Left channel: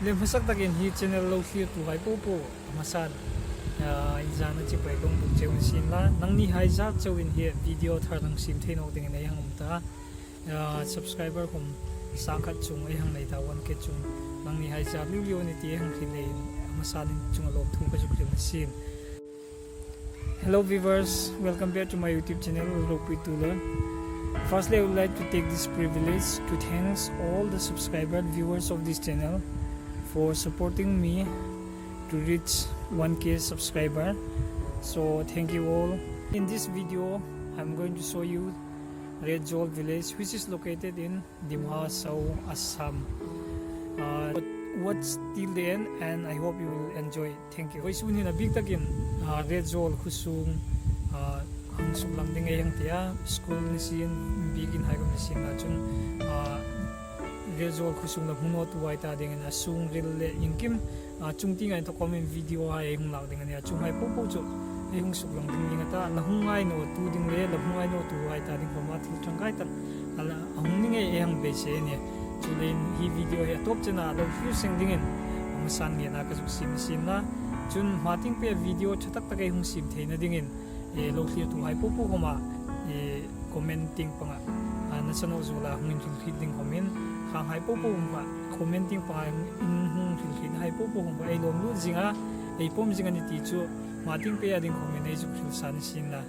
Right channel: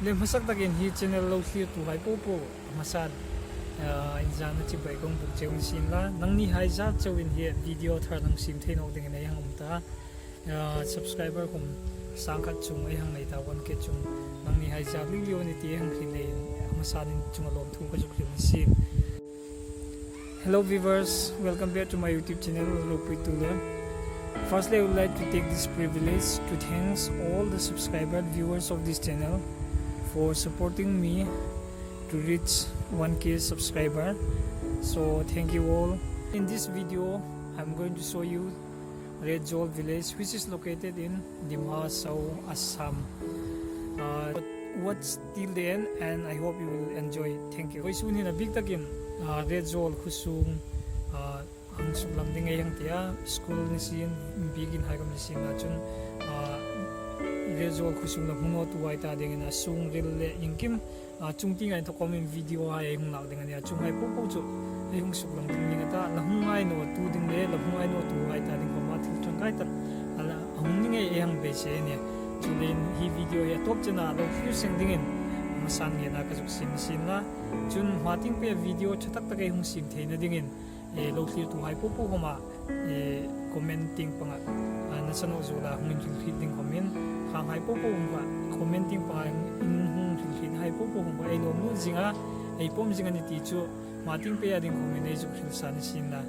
le masak takin hi channel lo thlir tu hai po po masan injang na chi pai kong buk cheun sin la nang ni hai za chawin hi video thar nang sim theino ding nei hang umta subscriber kum sangkhat chung ai hang nei ta wan ke chung nang ni hai za liu ni ti hang khi nei masan chung alom thu ka juk lim sin. Hello viewers, welcome back to my YouTube channel Lopui Tula. Firstly, I would like to take this privilege to thank all the subscriber viewers of this channel for supporting me to reach 1k subscriber. So thank you all. In this video, I'm going to show you Red Jol village, which is located in Dimha Sao, Assam. Watch till the end and I hope you will enjoy. Thank you. Soon in a big takin Red Jol Kusung ang suklam ding ayang tiya school ni sin bigin hai kam ni sin na chun Red Jol Kusung na huno tuwai ta ding na sung ril le ingkim chung ting ai to comment video hai hung lak ding ania chung hai po po chu ai hung suklam ding ni ta la hung ai no tu ding le la hung ai no tu ai ta ding ko ma thil chang kai ta ala hung ning ai yang be se ne chulen hi video ya top chana lo few sing dingin masan nge na ka juk sim sim la chun mating pe video chatak ta kai hung sim theina dingin lo clear tu hai po po homa commenting panga na sano zula hung in feeding comment khang hai po po homa commenting pa in hung feed hai po po homa ai lom lu jinga ai pom jinga ni ti chu mating pe ading comment ai juk san sin la